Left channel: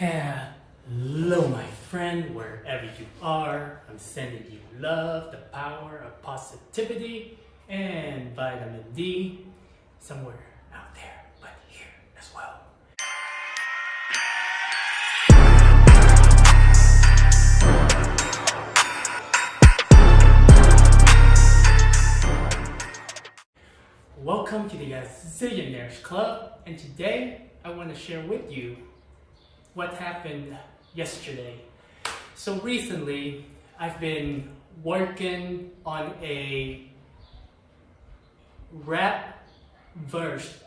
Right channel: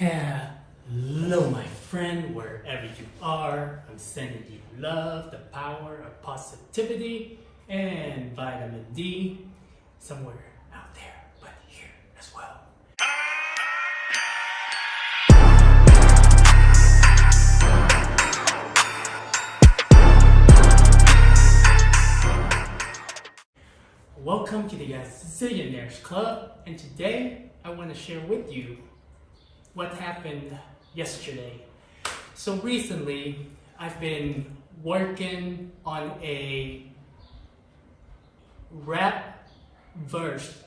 Hello, my friend, wherever you are. I'm sending you love, the power of positivity, and vitamin D somewhere out there, but here as well. Welcome to the Zillionaires Club, and today I want to share with you what happened yesterday. So recently, I've been working on a rap verse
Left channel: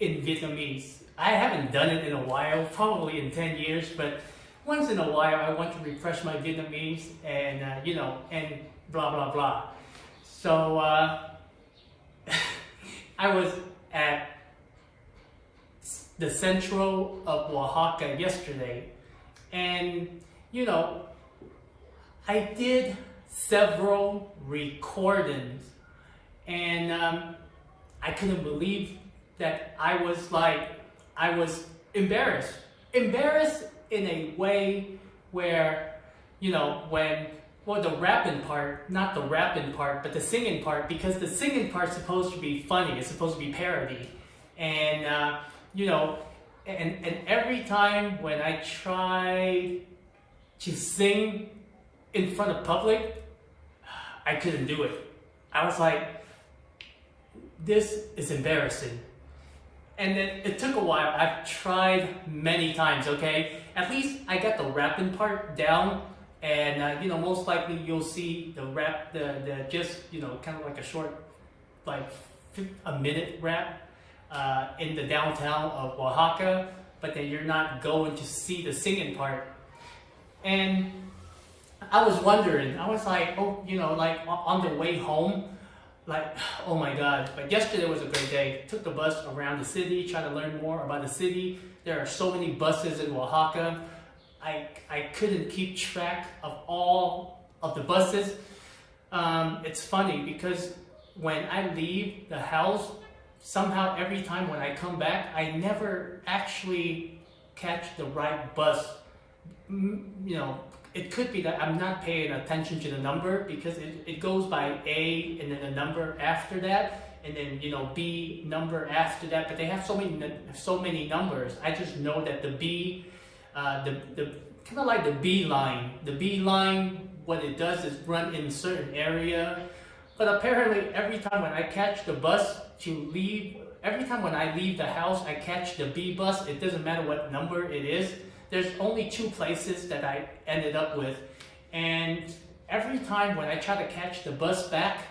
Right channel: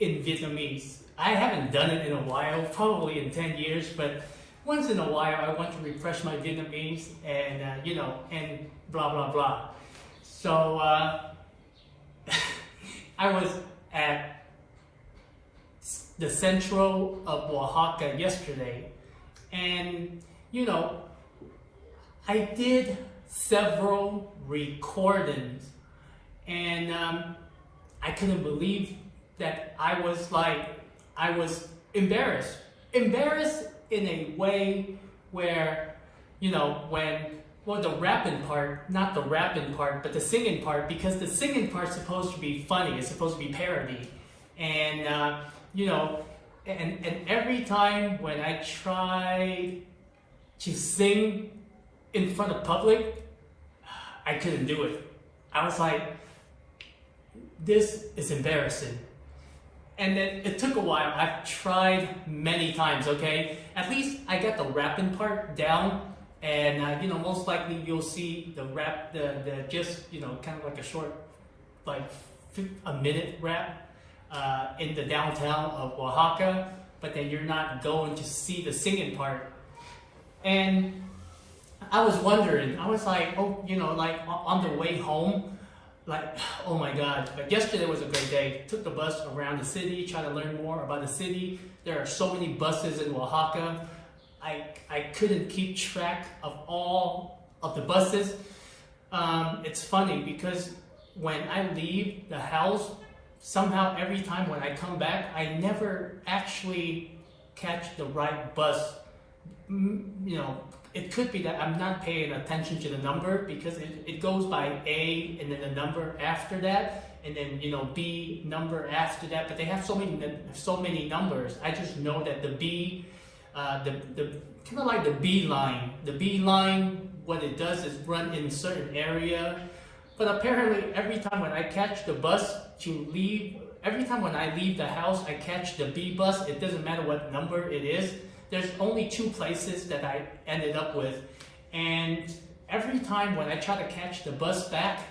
in Vietnamese. I haven't done it in a while, probably in 10 years, but once in a while I want to refresh my Vietnamese and and blah blah blah. So I was at the central of Oaxaca yesterday, and I did several recordings, and I couldn't believe that I was embarrassed in a way where the rapping part, not the rapping part, but the singing part, because the singing part's supposed to be funny, it's supposed to be parody. And, and every time when I tried to sing in front of public, I couldn't do it. I was like, this is embarrassing. And then it took a while. I've tried many times, okay? At least I got the rapping part down. And most likely you'll see the rap, the just kind of like a short, like a minute rap in the downtown of Oaxaca, but then you're not going to see the singing part. And I was wondering, I was like, like on the way home, like, oh my God. But yesterday was a great day. Took the bus around the city, trying to learn more about the city. There are so many buses in Oaxaca. I couldn't keep track of all of the buses. It's funny because when I leave the house, somehow every time when I come back, I never actually catch the right bus. It could be that I'm not paying attention to the number, because it goes by A and then the number after that, and then B number after that. But they have so many numbers. I just know that the B. The kind of like the B line. The B line, what it does is run in a certain area. But apparently every time when I catch the bus to leave, every time when I leave the house, I catch the B bus. It doesn't matter what number it is. There's only 2 places that I ended up with. And every time when I try to catch the bus back,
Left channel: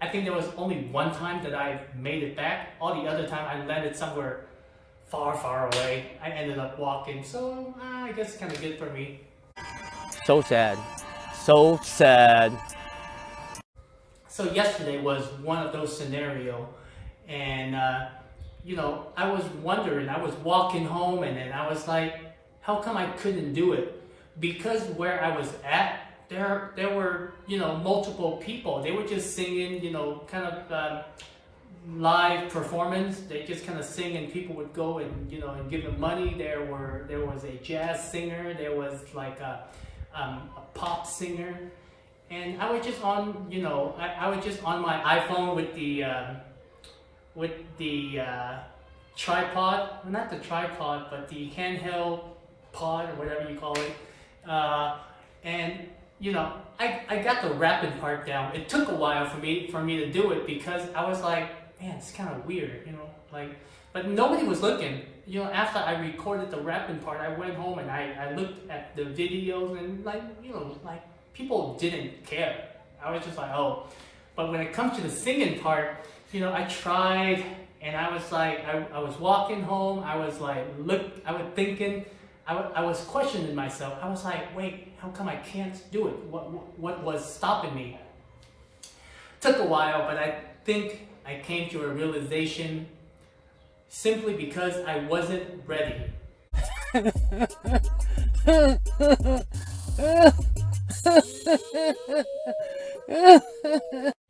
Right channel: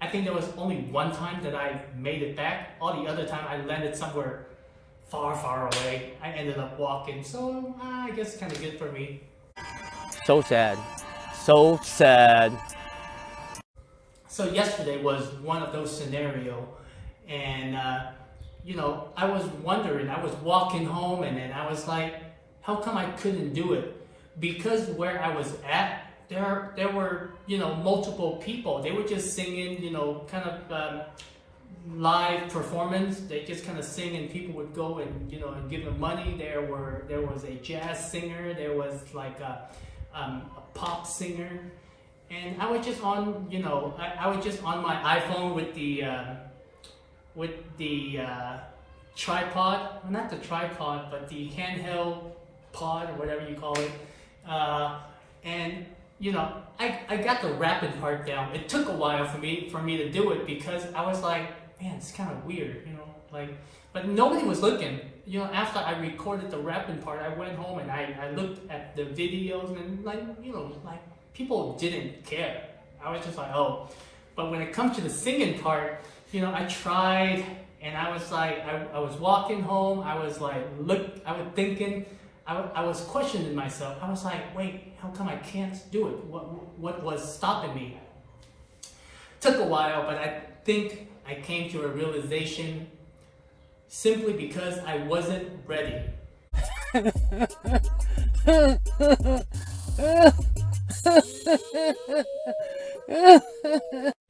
I think there was only one time that I made it back. All the other time I landed somewhere far away. I ended up walking, so I guess it's kind of good for me. So sad. So sad. So yesterday was one of those scenarios, and I was wondering, I was walking home, and then I was like, how come I couldn't do it? Because where I was at, there were multiple people. They were just singing, kind of live performance. They just kind of sing, and people would go and and give them money. There was a jazz singer, there was like a pop singer, and I was just on I was just on my iPhone with the tripod, not the tripod, but the handheld pod or whatever you call it, and I got the rapping part down. It took a while for me to do it, because I was like, man, it's kind of weird, but nobody was looking. After I recorded the rapping part, I went home and I looked at the videos, and like people didn't care. I was just like, oh. But when it comes to the singing part, I tried, and I was like, I was walking home, I was like, thinking, I was questioning myself. I was like, wait, how come I can't do it? What was stopping me? Took a while, but I think I came to a realization, simply because I wasn't ready.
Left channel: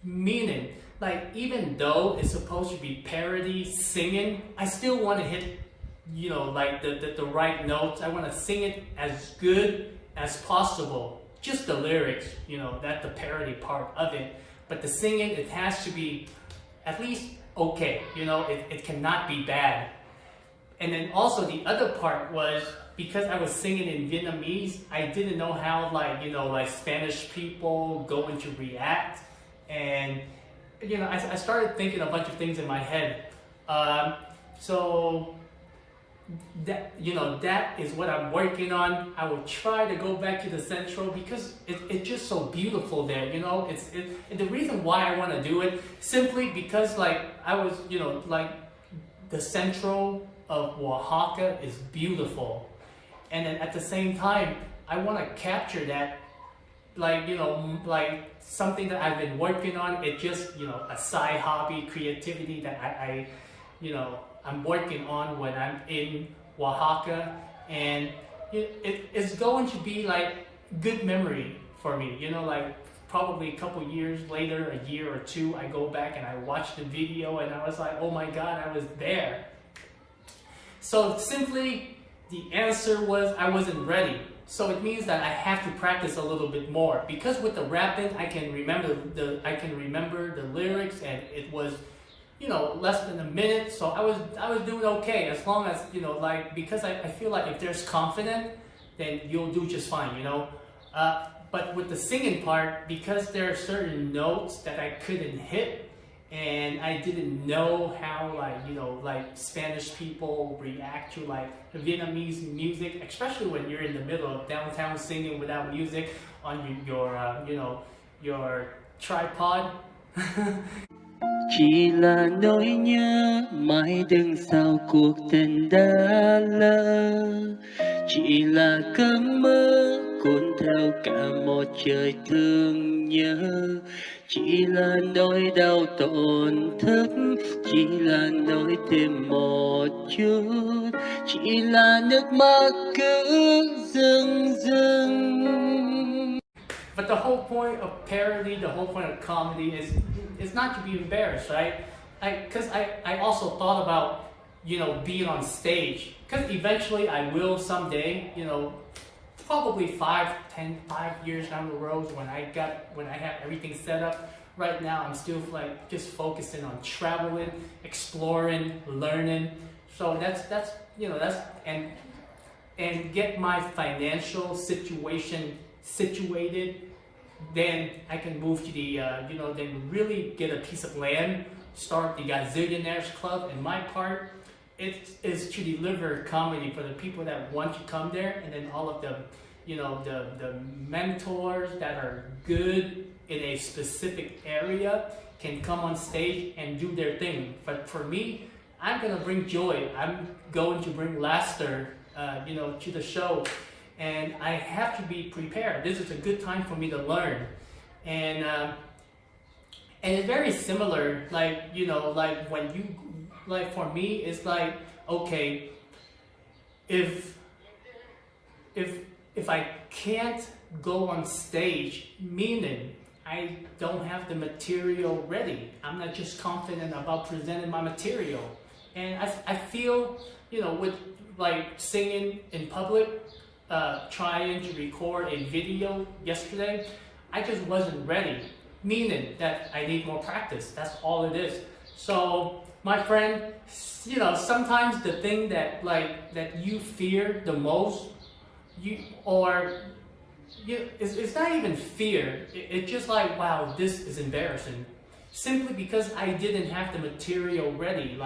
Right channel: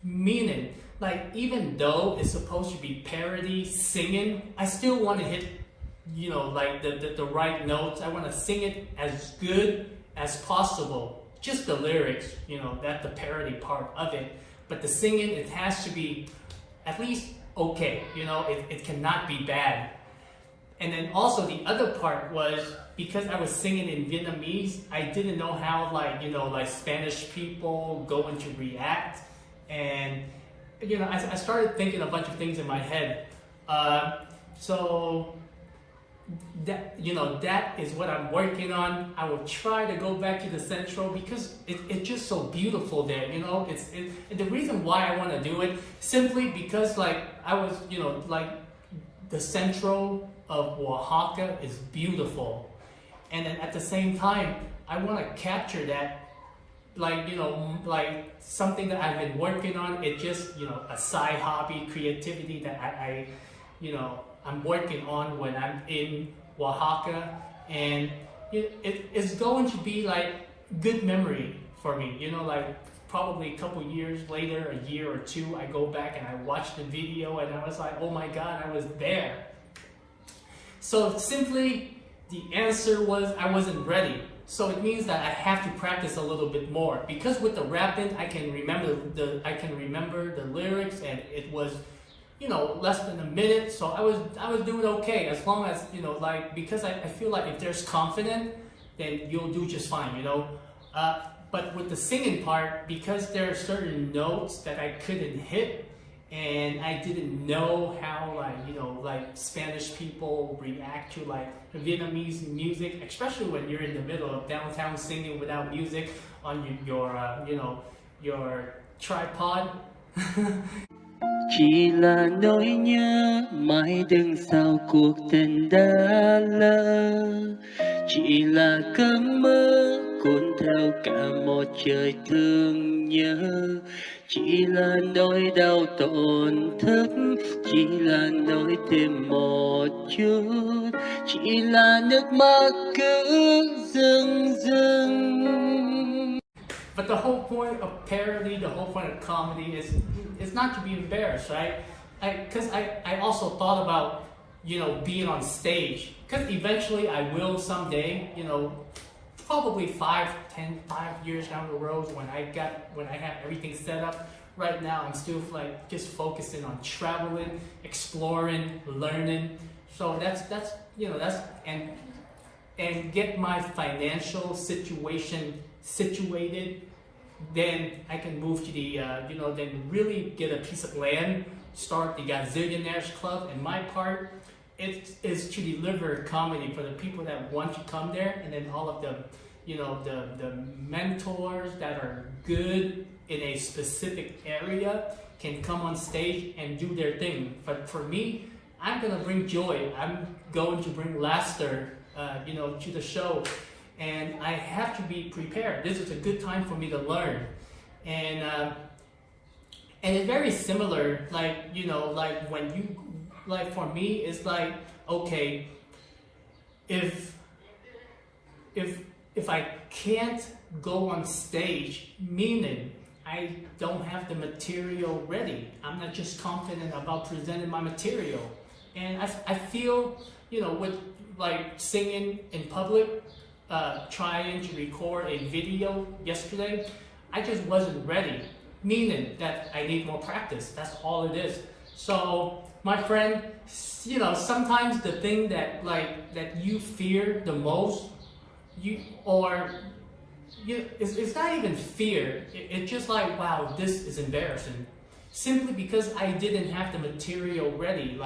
Meaning, like, even though it's supposed to be parody singing, I still want to hit like the right notes. I want to sing it as good as possible. Just the lyrics, that's the parody part of it. But the singing, it has to be at least okay. It cannot be bad. And then also the other part was, because I was singing in Vietnamese, I didn't know how like Spanish people going to react. And I started thinking a bunch of things in my head. So that that is what I'm working on. I will try to go back to the Central because it's just so beautiful there. And the reason why I want to do it simply because I was like the Central of Oaxaca is beautiful, and then at the same time I want to capture that like something that I've been working on. It's just a side hobby, creativity that I'm working on when I'm in Oaxaca, and it's going to be like good memory for me. Like probably a couple years later, a year or two, I go back and I watch the video and I was like, oh my God, I was there. So simply the answer was I wasn't ready. So it means that I have to practice a little bit more, because with the rapping I can remember the lyrics, and it was less than a minute, so I was doing okay, as long as because I feel like if there's confidence, then you'll do just fine. But with the singing part, because there are certain notes that I couldn't hit, and I didn't know how like Spanish people react to like Vietnamese music, especially when you're in the middle of downtown singing without music on your tripod. Chỉ là nỗi nhớ mãi đằng sau cuộc tình đã lỡ, chỉ là cơn mơ cuốn theo cả một trời thương nhớ, chỉ là nỗi đau tổn thức, chỉ là nỗi tìm một chút, chỉ là nước mắt cứ rưng rưng. But the whole point of parody, the whole point of comedy is not to be embarrassed, right? Because I also thought about, being on stage. Because eventually I will someday, probably 5 years down the road when I have everything set up. Right now I'm still just focusing on traveling, exploring, learning. So that's and get my financial situation situated, then I can move to the then really get a piece of land, start the Gazillionaires Club, and my part is to deliver comedy for the people that want to come there, and then all of the the mentors that are good in a specific area can come on stage and do their thing. But for me, I'm gonna bring joy. I'm going to bring laughter to the show. And I have to be prepared. This is a good time for me to learn, and it's very similar. Like when you for me, it's like, okay, if I can't go on stage, meaning I don't have the material ready. I'm not just confident about presenting my material, and I feel with singing in public. Trying to record a video yesterday, I just wasn't ready, meaning that I need more practice. That's all it is. So my friend, sometimes the thing that you fear the most, it's not even fear. It's just like, wow, this is embarrassing. Simply because I didn't have the material ready.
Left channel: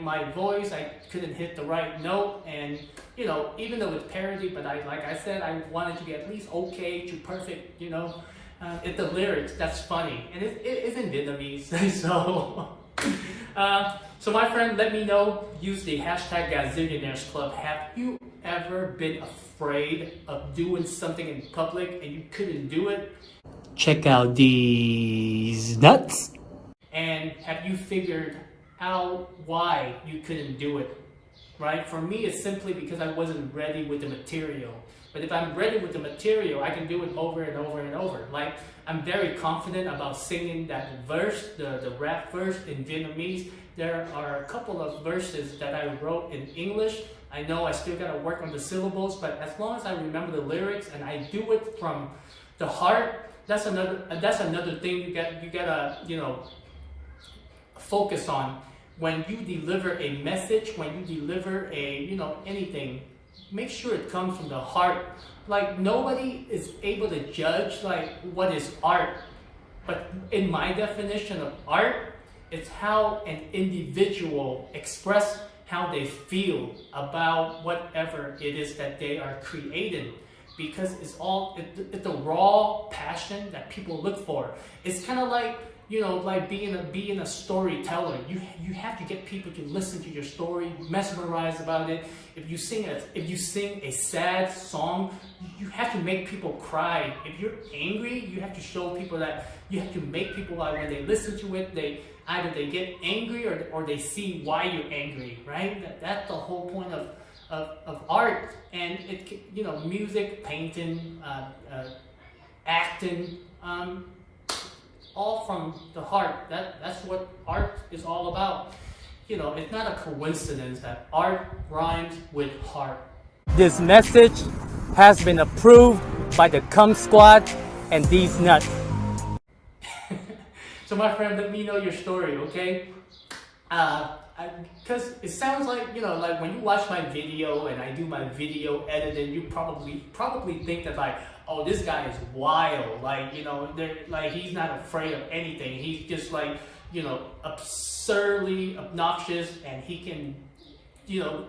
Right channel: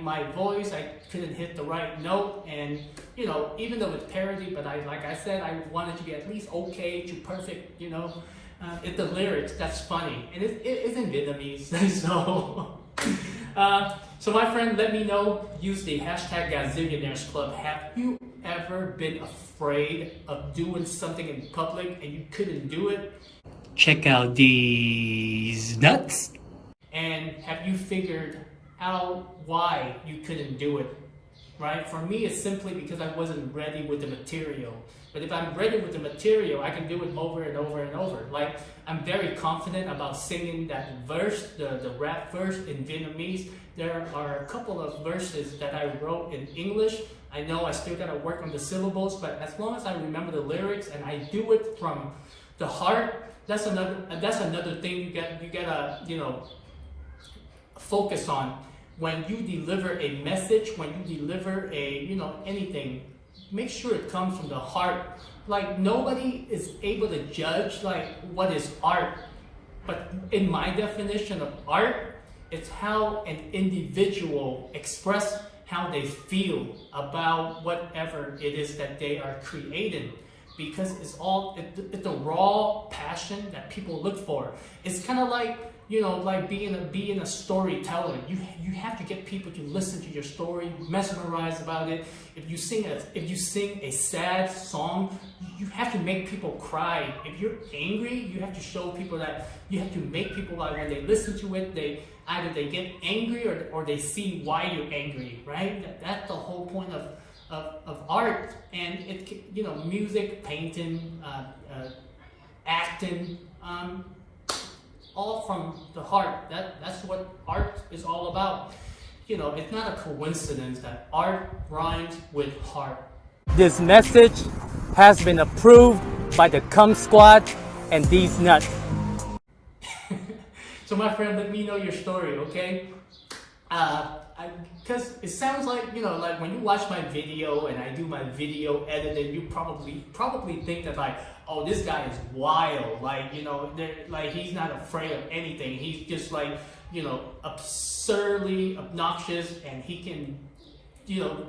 My voice, I couldn't hit the right note, and even though it's parody, but like I said, I wanted to be at least okay to perfect. If the lyrics, that's funny, and it's in Vietnamese, so. So my friend, let me know. Use the hashtag Gazillionaires Club. Have you ever been afraid of doing something in public and you couldn't do it? Check out these nuts. And have you figured out why you couldn't do it? Right? For me, it's simply because I wasn't ready with the material. But if I'm ready with the material, I can do it over and over and over. I'm very confident about singing that verse, the rap verse in Vietnamese. There are a couple of verses that I wrote in English, I know I still gotta work on the syllables, but as long as I remember the lyrics and I do it from the heart, that's another thing you gotta, you know, focus on. When you deliver a message, when you deliver a, you know, anything, make sure it comes from the heart. Like, nobody is able to judge like what is art, but in my definition of art, it's how an individual express how they feel about whatever it is that they are creating, because it's the raw passion that people look for. It's kind of like, you know, like being a storyteller. You have to get people to listen to your story, mesmerize about it. If you sing a sad song, you have to make people cry. If you're angry, you have to show people that, you have to make people, like, when they listen to it, they either get angry or they see why you're angry, right? That's the whole point of art. And it, you know, music, painting, acting, all from the heart. That's what art is all about. You know, it's not a coincidence that art rhymes with heart. This message has been approved by the Cum Squad and these nuts. So my friend, let me know your story, okay? Because it sounds like, you know, like when you watch my video and I do my video editing, you probably think that, like, oh, this guy is wild, like, you know, like, he's not afraid of anything. He's just, like, you know, absurdly obnoxious, and he can, you know,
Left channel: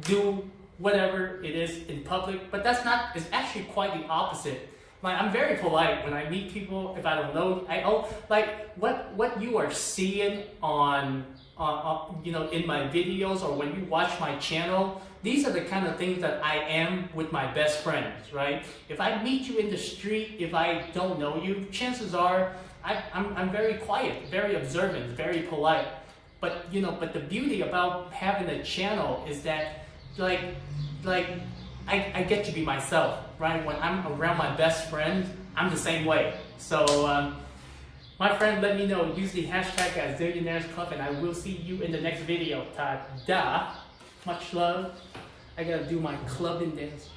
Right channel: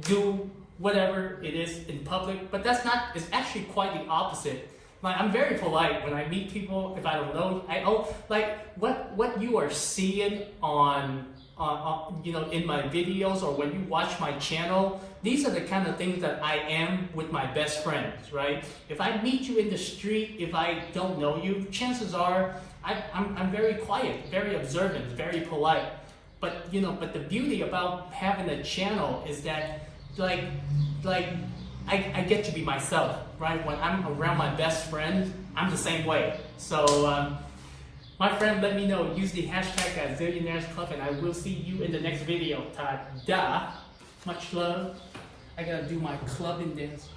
do whatever it is in public. But that's not, it's actually quite the opposite. Like, I'm very polite when I meet people. If I don't know, like, what you are seeing on you know, in my videos, or when you watch my channel, these are the kind of things that I am with my best friends, right? If I meet you in the street, if I don't know you, chances are I'm very quiet, very observant, very polite. But, you know, but the beauty about having a channel is that, like I get to be myself, right? When I'm around my best friend, I'm the same way. So, my friend, let me know. Use the hashtag at Zillionaires Club, and I will see you in the next video. Ta-da! Much love. I gotta do my clubbing dance.